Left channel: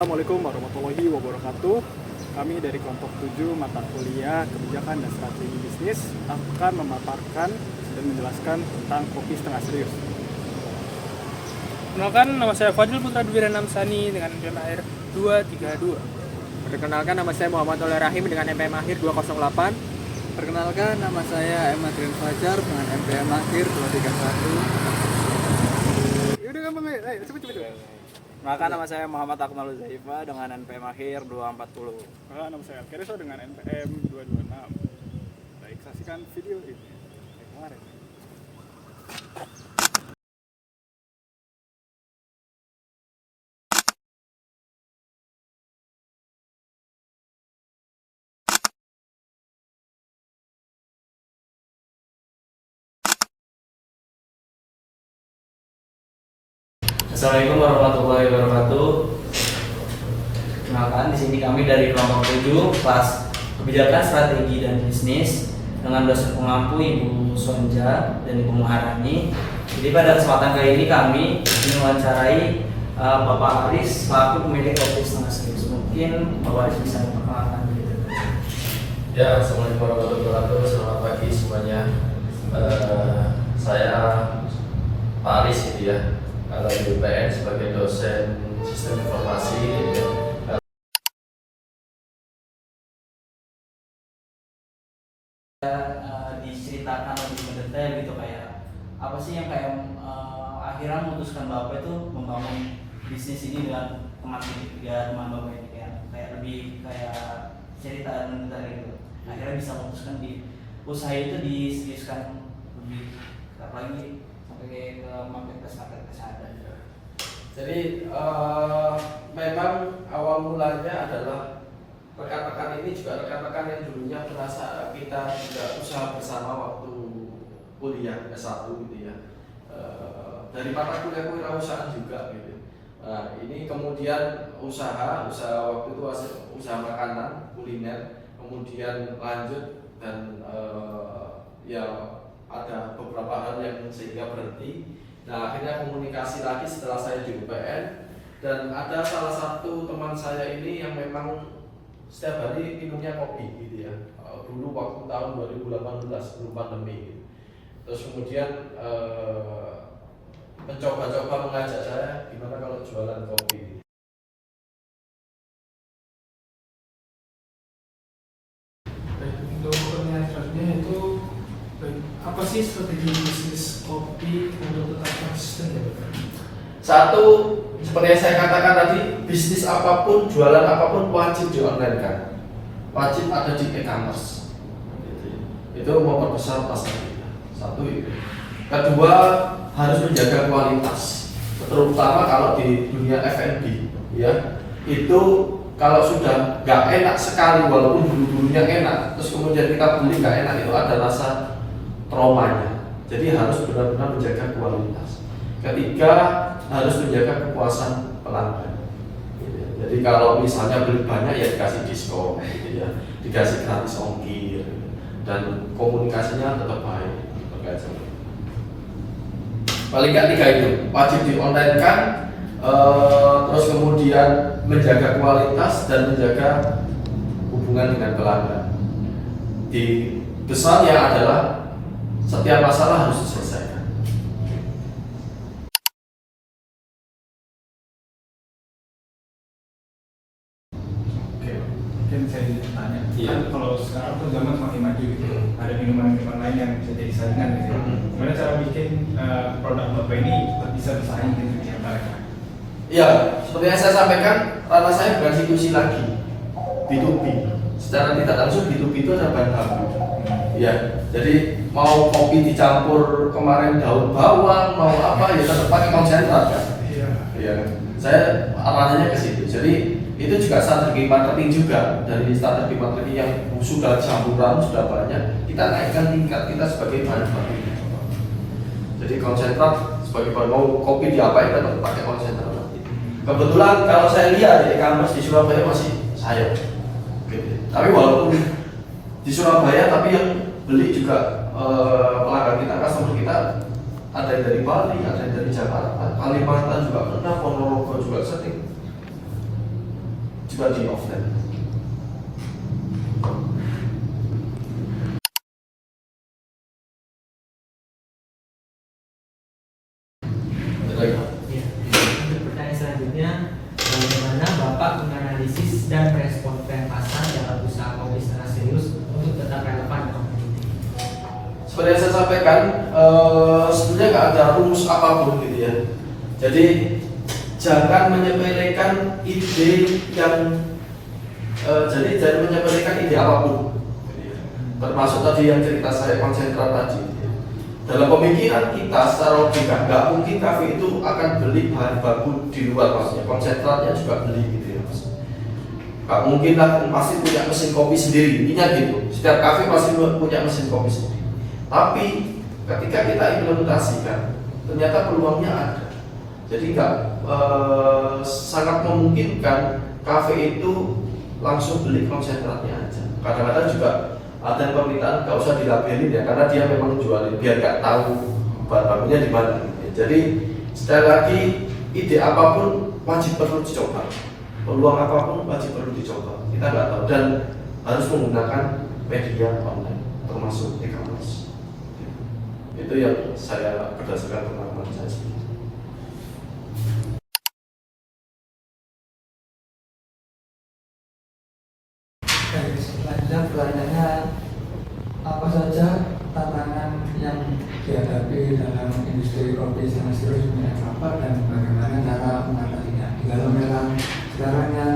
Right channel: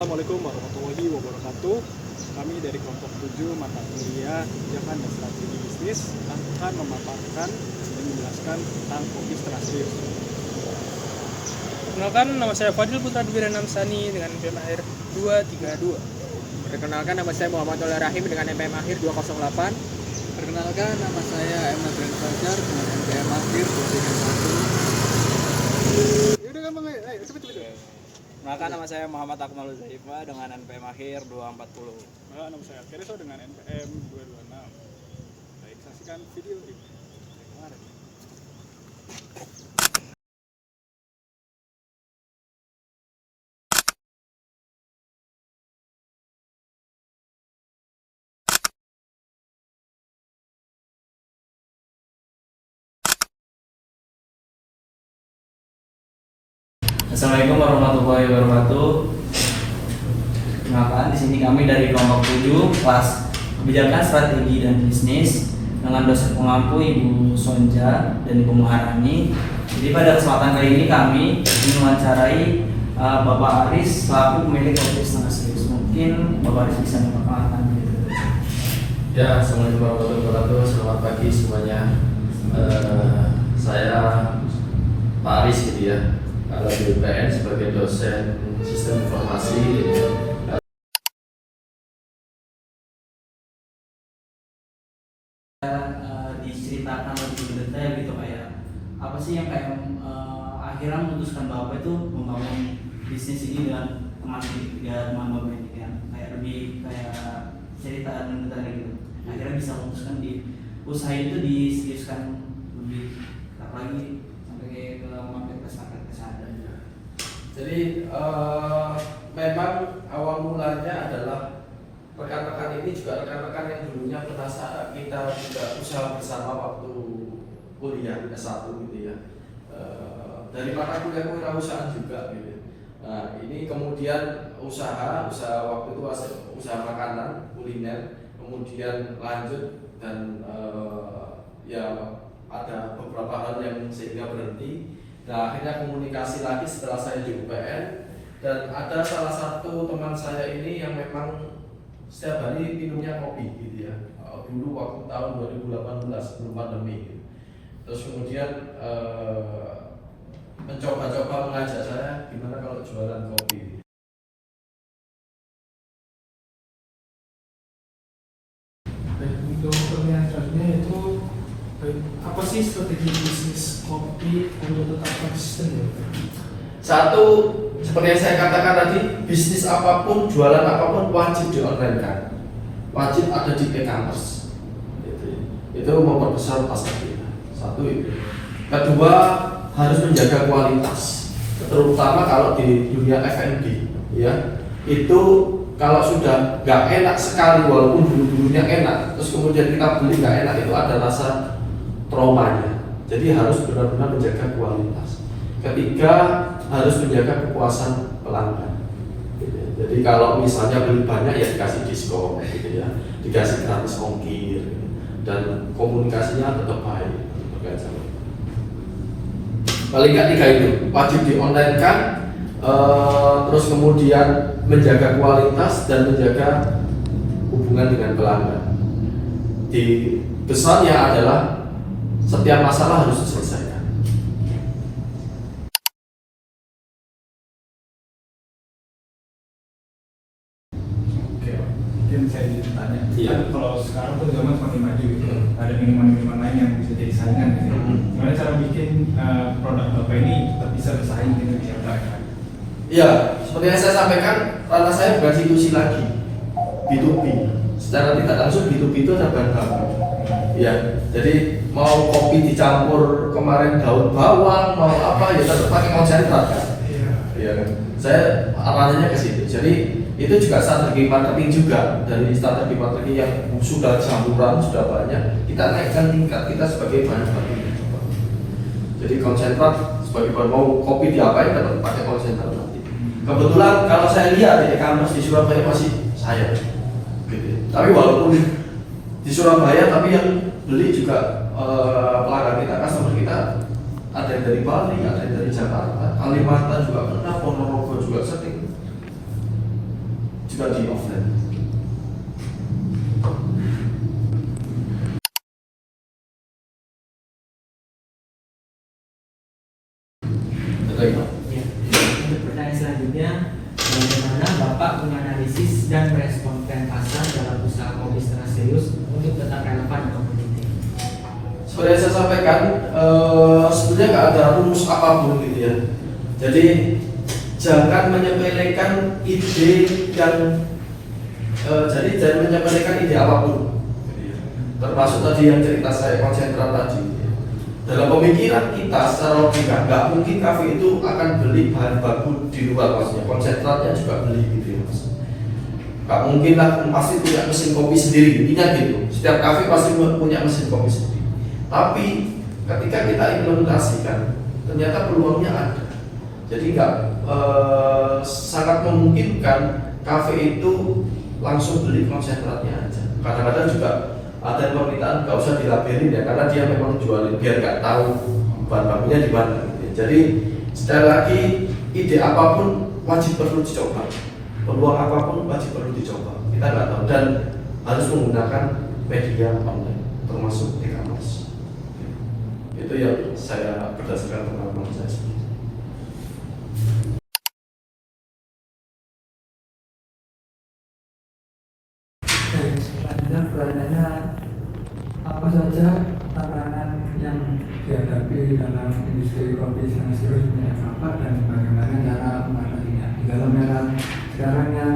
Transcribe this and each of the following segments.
Assalamualaikum warahmatullahi wabarakatuh. Kami dari kelompok 7 mata kuliah kebijakan dan strategi bisnis akan memaparkan dan menjelaskan tentang kopi setengah serius. Perkenalkan, nama saya Fadil Putra Dwirana Sani dengan NPM akhir 232. Perkenalkan, nama saya Muhammad Oler Rahim dengan NPM akhir 208. Perkenalkan, nama saya Emadrian Fajar dengan NPM akhir 231. Yaudah gampang ayo cepet. Maka nama saya Muhammad Akmal Zaifa dengan NPM akhir 240. Nama saya Alkereso dengan NPM 226. Baik, saksikan video ini. Kemarin. Assalamualaikum warahmatullahi wabarakatuh. Perkenalkan, di sini kami dari kelompok 7 kelas kebijakan strategi dan bisnis dengan dosen pengampu Ibu Sonja dan Ibu Maharani. Jadi pada kesempatan kali ini kami ingin mewawancarai Bapak Aris selaku pemilik kopi setengah serius. Mungkin Bapak Aris bisa memperkenalkan diri. Ya, assalamualaikum warahmatullahi wabarakatuh. Selamat pagi semuanya. Saya Pak Aris gitu ya, di UPN sebagai dosen sistem informasi gitu. Diceritakan lebih detail gitu kayak apa sih yang kayak akhirnya memutuskan Bapak itu membangun bisnis ini dengan teman Bapak ini kan kayak lebih kayak cerita dan detail gitu. Akhirnya bisa memutuskan di usaha itu diseriuskan lebih lagi sampai ke market sampai ke sana. Jadi memang awal mulanya adalah rekan-rekan ini juga rekan-rekan yang dulunya merasa kita juga usaha bersama waktu kuliah S1 gitu ya. Dari mata kuliah kewirausahaan juga gitu. Nah, ini kemudian usaha waktu itu usaha makanan kuliner, kemudian lanjut dan ya ada beberapa hal yang sehingga berhenti. Nah, akhirnya komunikasi lagi setelah saya di UPN, dan ada salah satu teman saya ini yang memang setiap hari minumnya kopi gitu ya. Dulu waktu tahun 2018 sebelum pandemi gitu. Terus kemudian mencoba-coba mengajak saya gimana kalau jualan kopi. Untuk pertanyaannya itu apa sih strategi bisnis kopi untuk tetap konsisten? Satu, seperti yang saya katakan tadi, bisnis apapun, jualan apapun wajib di online kan, wajib ada di e-commerce. Itu memperbesar pasar kita. Satu itu. Kedua, harus menjaga kualitas, terutama kalau di dunia F&B, ya. Itu kalau sudah nggak enak sekali, walaupun dulu-dulunya enak, terus kemudian kita beli nggak enak, itu ada rasa traumanya. Jadi harus benar-benar menjaga kualitas. Ketiga, harus menjaga kepuasan pelanggan. Jadi kalau misalnya beli banyak ya dikasih diskon, gitu ya, dikasih gratis ongkir, dan komunikasinya tetap baik. Paling nggak tiga itu wajib di online kan, terus kemudian menjaga kualitas dan menjaga hubungan dengan pelanggan. Di besarnya adalah setiap masalah harus diselesaikan. Oke, mungkin saya ingin tanya. Iya. Kan kalau sekarang tuh zaman semakin maju gitu. Ada minuman-minuman lain yang bisa jadi saingan gitu. Gimana cara bikin produk Bapak ini tetap bisa bersaing dengan yang lain? Iya, seperti yang saya sampaikan, karena saya bukan institusi lagi, B2B. Secara tidak langsung B2B itu ada bahan baku. Ya, jadi mau kopi dicampur kemarin daun bawang, mau apa ya tetap pakai konsentrat kan. Iya. Saya arahnya ke situ. Jadi itu juga strategi marketing juga, dari strategi marketing yang sudah campuran sudah banyak, kita naikkan tingkat kita sebagai bahan baku. Jadi konsentrat sebagai bahan, mau kopi diapain tetap pakai konsentrat. Kebetulan kalau saya lihat di e-commerce di Surabaya masih saya. Tapi walaupun di Surabaya, tapi yang beli juga pelanggan kita, customer kita ada yang dari Bali, ada yang dari Jakarta, Kalimantan juga pernah, Ponorogo juga sering. juga di offline. Untuk pertanyaan selanjutnya, bagaimana Bapak menganalisis dan merespon tren pasar dalam usaha kopi secara serius untuk tetap relevan dan kompetitif? Seperti yang saya sampaikan, sebenarnya nggak ada rumus apapun gitu ya. Jadi jangan menyepelekan ide yang jangan menyepelekan ide apapun. Termasuk tadi yang cerita saya konsentrat tadi. Dalam pemikiran kita secara logika nggak mungkin kafe itu akan beli bahan baku di luar, maksudnya konsentratnya juga beli gitu ya mas. Nggak mungkin lah, pasti punya mesin kopi sendiri, ingat gitu. Setiap kafe pasti punya mesin kopi sendiri. Tapi ketika kita implementasikan, ternyata peluangnya ada. Jadi nggak sangat memungkinkan kafe itu langsung beli konsentratnya aja. Kadang-kadang juga ada permintaan nggak usah dilabelin ya, karena dia memang jualin biar nggak tahu bahan bakunya di mana. Jadi sekali lagi, ide apapun wajib perlu dicoba, peluang apapun wajib perlu dicoba. Kita nggak tahu dan harus menggunakan media online termasuk e-commerce. Itu yang saya berdasarkan pengalaman saya sendiri. Selanjutnya pertanyaannya, apa saja tantangan yang dihadapi dalam industri kopi sana serius punya Bapak dan bagaimana cara mengatasinya? Di dalam era sekarang yang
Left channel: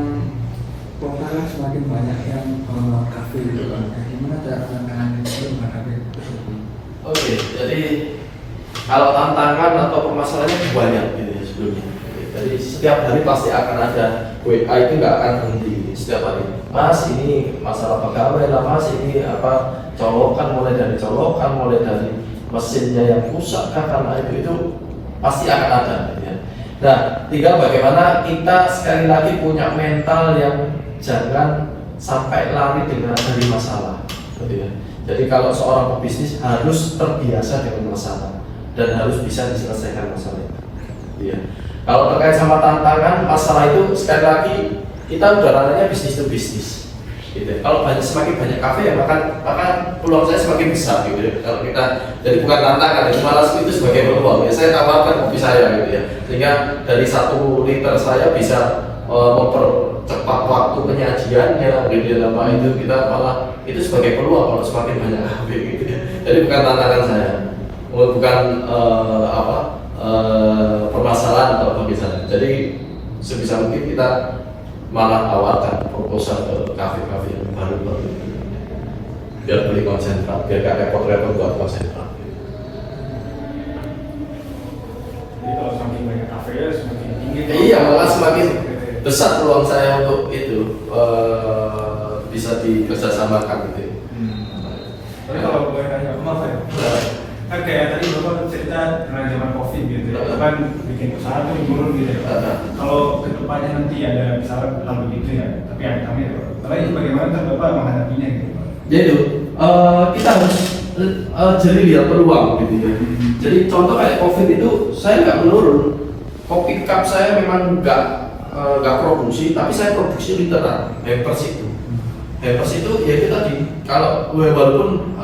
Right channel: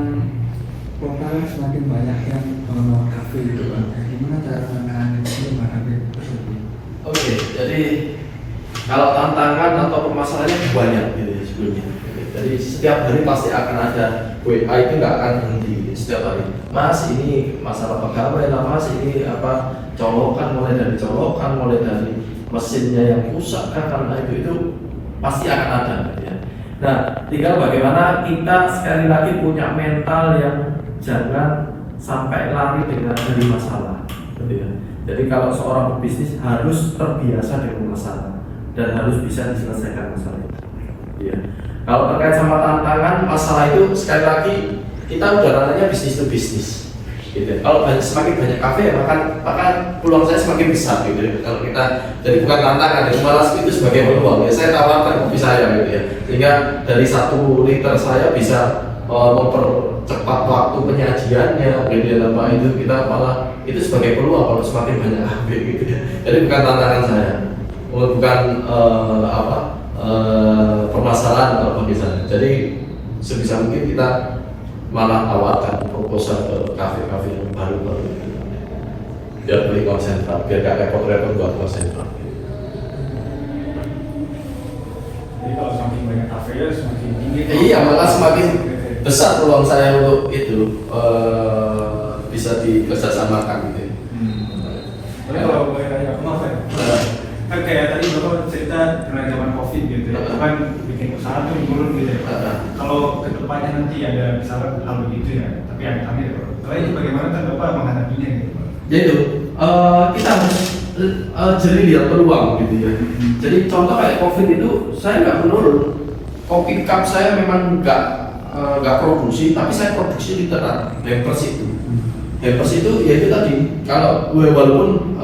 lokal semakin banyak yang mengelola kafe gitu Pak. Bagaimana cara menghadapi tersebut? Oke, jadi kalau tantangan atau permasalahannya banyak gitu ya sebelumnya. Jadi setiap hari pasti akan ada WA, itu nggak akan berhenti gitu, setiap hari. Mas ini masalah pegawai lah, mas ini apa colokan, mulai dari mesinnya yang rusak karena itu pasti akan ada gitu ya. Nah, tinggal bagaimana kita sekali lagi punya mental yang jangan sampai lari dengan dari masalah gitu ya. Jadi kalau seorang pebisnis harus terbiasa dengan masalah dan harus bisa diselesaikan masalah itu. Iya. Kalau terkait sama tantangan masalah itu, sekali lagi kita udah ranahnya bisnis to bisnis. Gitu. Kalau semakin banyak kafe, maka peluang saya semakin besar gitu ya. Kalau kita jadi bukan tantangan, malah itu sebagai peluang. Ya, saya tawarkan kopi saya gitu ya. Sehingga dari 1 liter saya bisa mempercepat waktu penyajiannya, dan apa itu kita malah itu sebagai peluang kalau semakin banyak kafe gitu ya. Jadi bukan tantangan saya, bukan permasalahan atau misalnya. Jadi sebisa mungkin kita malah tawarkan proposal ke kafe-kafe yang baru biar beli konsentrat, biar gak repot-repot buat konsentrat. Jadi kalau semakin banyak kafe semakin tinggi. Iya, malah semakin besar peluang saya untuk itu bisa dikerjasamakan gitu. Tapi kalau boleh tanya, kenapa ya? Kan kayak tadi Bapak cerita tentang zaman COVID gitu ya, kan bikin usaha tuh menurun gitu ya. Kalau kedepannya nanti ada misalnya hal begitu ya, tapi amit-amit ya, itu bagaimana kan Bapak menghadapinya gitu Pak? Ya itu, kita harus jadi lihat peluang gitu ya. Jadi contoh kayak COVID itu, saya nggak menurun. Kopi cup saya memang nggak produksi, tapi saya produksi literan, hampers itu. Hampers itu ya itu tadi, kalau walaupun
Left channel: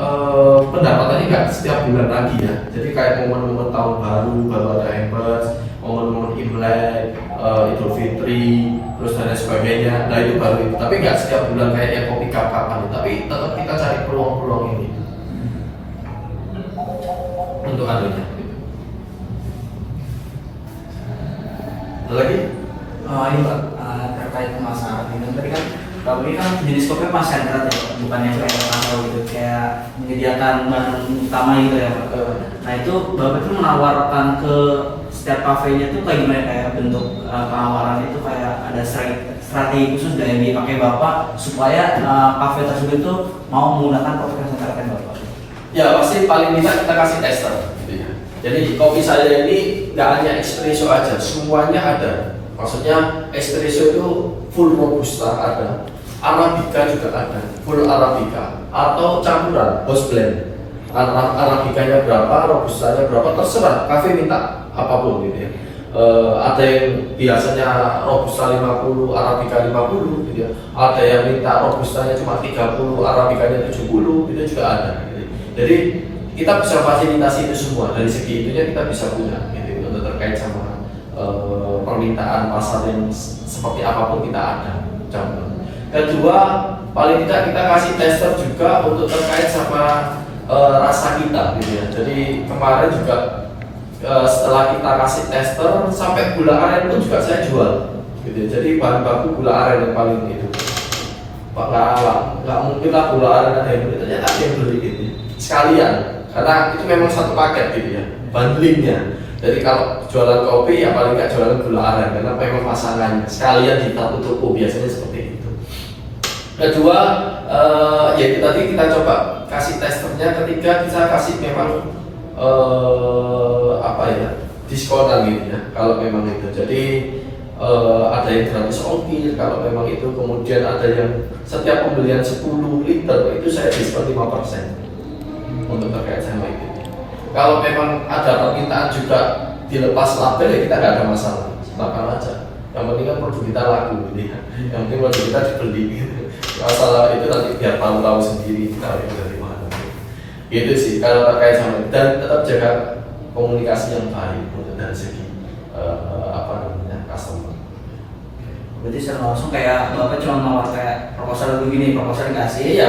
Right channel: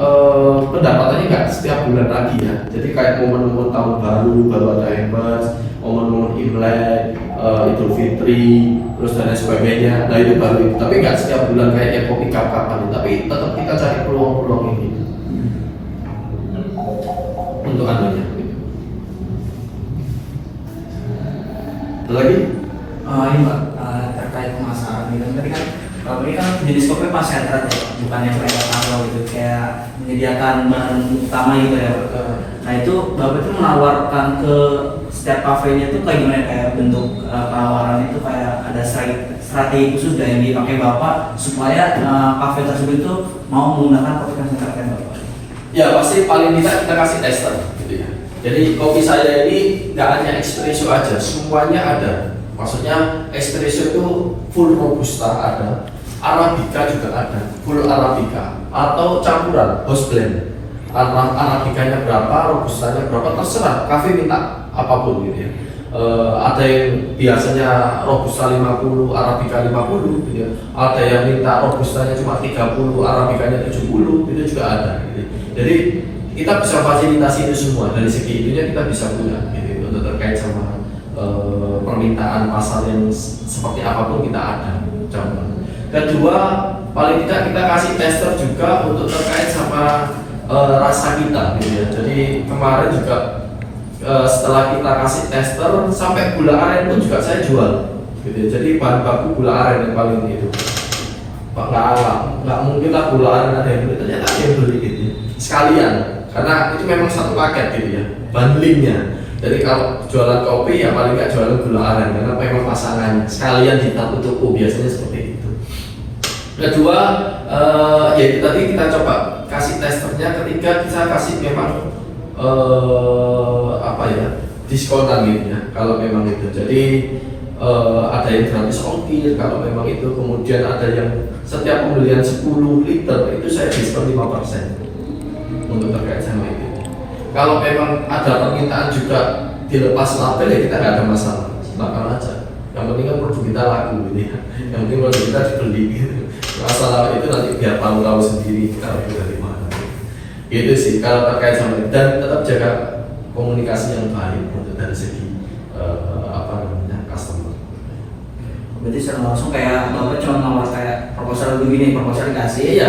pendapatannya nggak setiap bulan lagi ya. Jadi kayak momen-momen tahun baru ada hampers, momen-momen Imlek, Idul Fitri, terus dan lain sebagainya. Nah itu baru itu, tapi nggak setiap bulan kayak kopi kapan. Tapi tetap kita cari peluang-peluang ini untuk adanya. Lagi? Ini Pak, terkait pemasaran gitu. Tadi kan kalau ini kan jenis kopi konsentrat ya, bukan yang kayak apa gitu, kayak menyediakan bahan utama gitu ya. Nah itu Bapak itu menawarkan ke setiap kafenya itu kayak gimana, kayak bentuk penawaran itu kayak ada strategi khusus yang dipakai Bapak supaya kafe tersebut itu mau menggunakan kopi konsentratnya Bapak? Ya pasti paling tidak kita kasih tester gitu ya. Jadi kopi saya ini nggak hanya espresso aja, semuanya ada. Maksudnya espresso itu full robusta ada, arabica juga ada, full arabica atau campuran house blend. Arabicanya berapa, robustanya berapa, terserah. Kafe minta apapun gitu ya. ada yang biasanya robusta 50, arabica 50 gitu. Ada yang minta robustanya cuma 30, arabicanya 70, itu juga ada gitu. Jadi kita bisa fasilitasi itu semua, dari segi itunya kita bisa punya gitu, untuk terkait sama permintaan pasar yang seperti apapun kita ada. Kedua, paling tidak kita kasih tester juga untuk terkait sama rasa kita gitu ya. Jadi kemarin juga setelah kita kasih tester sampai gula aren pun juga saya jual gitu. Jadi bahan baku gula aren yang paling itu nggak mungkin lah gula aren ada yang beli, ternyata ada yang beli gitu sekalian, karena itu memang satu paket gitu ya, bundlingnya. Jadi kalau jualan kopi ya paling nggak jualan gula aren, karena memang pasangan sekalian di satu toko, biasanya seperti itu. Kedua, ya itu tadi kita coba kasih testernya. Ketiga, kita kasih memang diskonan gitu ya, kalau memang itu. Jadi ada yang gratis ongkir kalau memang itu. Kemudian ada yang setiap pembelian 10 liter itu saya diskon 5% untuk terkait sama itu. Kalau memang ada permintaan juga dilepas label ya kita nggak ada masalah, silakan aja. Yang penting kan produk kita laku gitu ya. Yang penting produk kita dibeli gitu. Masalah itu nanti biar tahu sendiri kalau kita dari mana. Gitu sih kalau terkait sama itu. Dan tetap jaga komunikasi yang baik untuk dari segi customer. Berarti secara langsung kayak Bapak cuma nawar kayak proposal begini, proposal dikasih,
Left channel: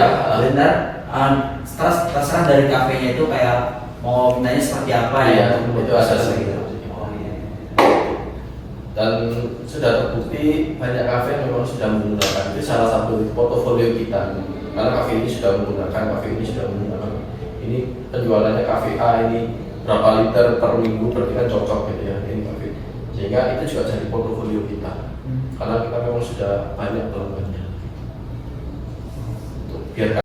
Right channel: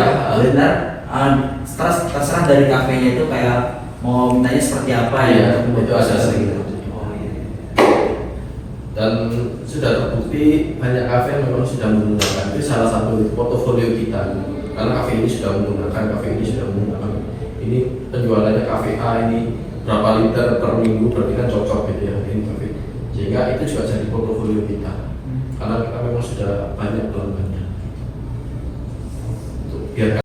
benar. Terserah dari kafenya itu kayak mau mintanya seperti apa ya. Itu ada gitu. Dan sudah terbukti banyak kafe memang sudah menggunakan, itu salah satu portofolio kita. Karena kafe ini sudah menggunakan, ini penjualannya kafe A ini berapa liter per minggu, berarti kan cocok gitu ya ini kafe. Sehingga itu juga jadi portofolio kita. Karena kita memang sudah banyak pelanggannya. Biar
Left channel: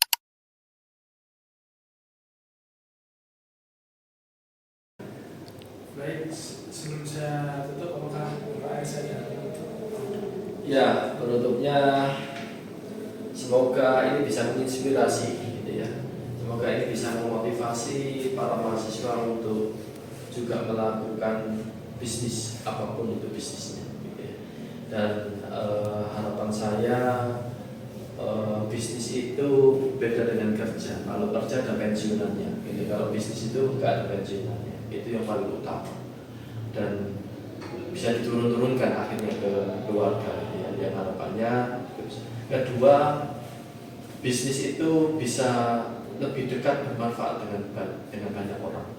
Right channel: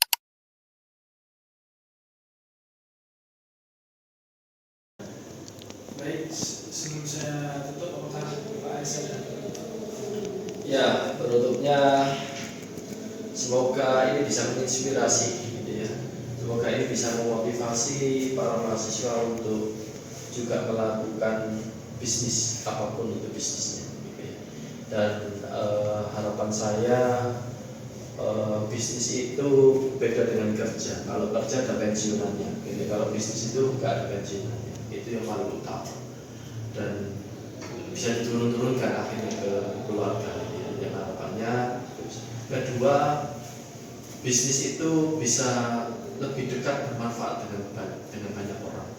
Baik, sebelum saya tutup, apakah Pak Aisyah dan ya, penutupnya semoga ini bisa menginspirasi gitu ya. Semoga ini bisa memotivasi para mahasiswa untuk juga melakukan bisnis apapun itu bisnisnya gitu ya. Dan harapan saya bisnis itu beda dengan kerja. Kalau kerja ada pensiunannya gitu. Kalau bisnis itu nggak ada pensiunannya, itu yang paling utama. Dan bisa diturun-turunkan akhirnya ke keluarga gitu ya. Yang harapannya. Kedua, bisnis itu bisa lebih dekat bermanfaat dengan banyak orang.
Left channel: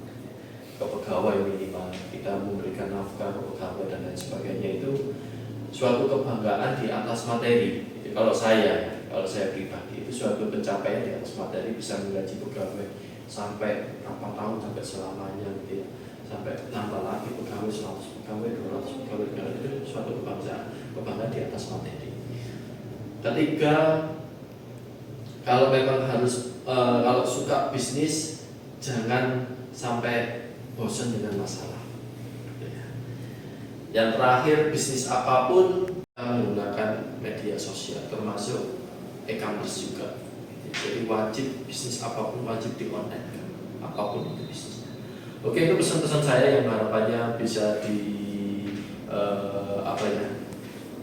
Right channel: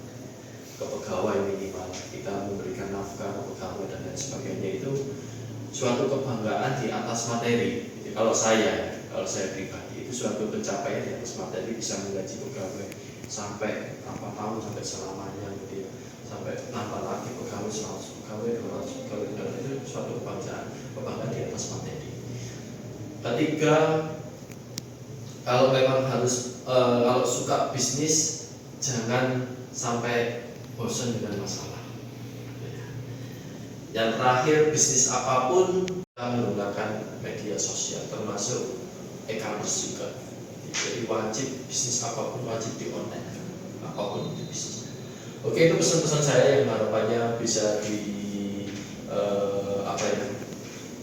Ke pegawai minimal kita memberikan nafkah ke pegawai dan lain sebagainya, itu suatu kebanggaan di atas materi. Jadi kalau saya pribadi itu suatu pencapaian di atas materi, bisa menggaji pegawai sampai berapa tahun, sampai selamanya gitu ya, sampai nambah lagi pegawai 100 pegawai 200 pegawai, itu suatu kebanggaan di atas materi. Ketiga, kalau memang kalau suka bisnis jangan sampai bosan dengan masalah. Yang terakhir, bisnis apapun menggunakan media sosial, termasuk e-commerce juga. Jadi wajib bisnis apapun wajib di online, apapun itu bisnisnya. Oke, itu pesan-pesan saya yang harapannya bisa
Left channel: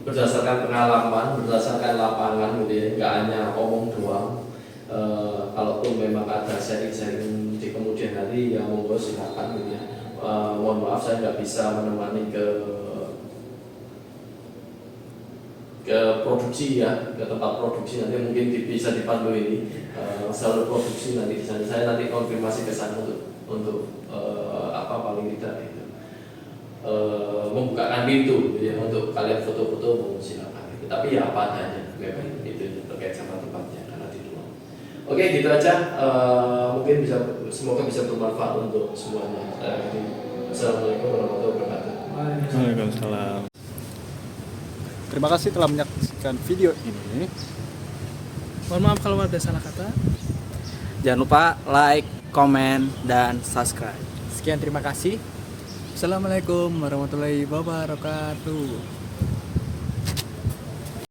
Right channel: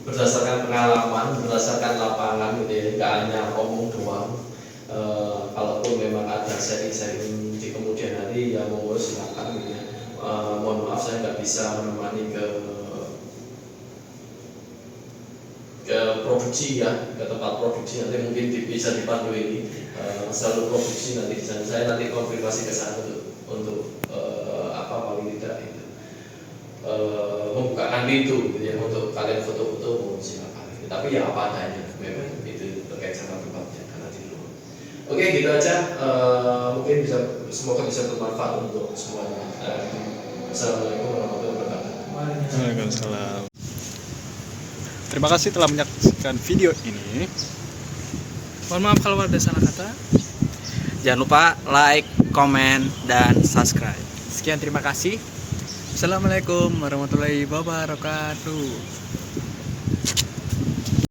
berdasarkan pengalaman, berdasarkan lapangan gitu ya, nggak hanya omong doang. Kalaupun memang ada sharing-sharing di kemudian hari, ya monggo silakan gitu ya. Mohon maaf saya nggak bisa menemani ke produksi ya, ke tempat produksi, nanti mungkin bisa dipandu ini selalu produksi nanti di sana. Saya nanti konfirmasi ke sana untuk paling tidak itu membukakan pintu gitu ya, untuk kalian foto-foto silakan gitu. Tapi ya apa adanya, memang itu terkait sama tempatnya karena di luar. Oke, gitu aja. Mungkin semoga bisa bermanfaat untuk semuanya. Assalamualaikum warahmatullahi wabarakatuh. Waalaikumsalam. Terima kasih telah menyaksikan video ini. Mohon maaf kalau ada salah kata. Jangan lupa like, komen, dan subscribe. Sekian, terima kasih. Assalamualaikum warahmatullahi wabarakatuh.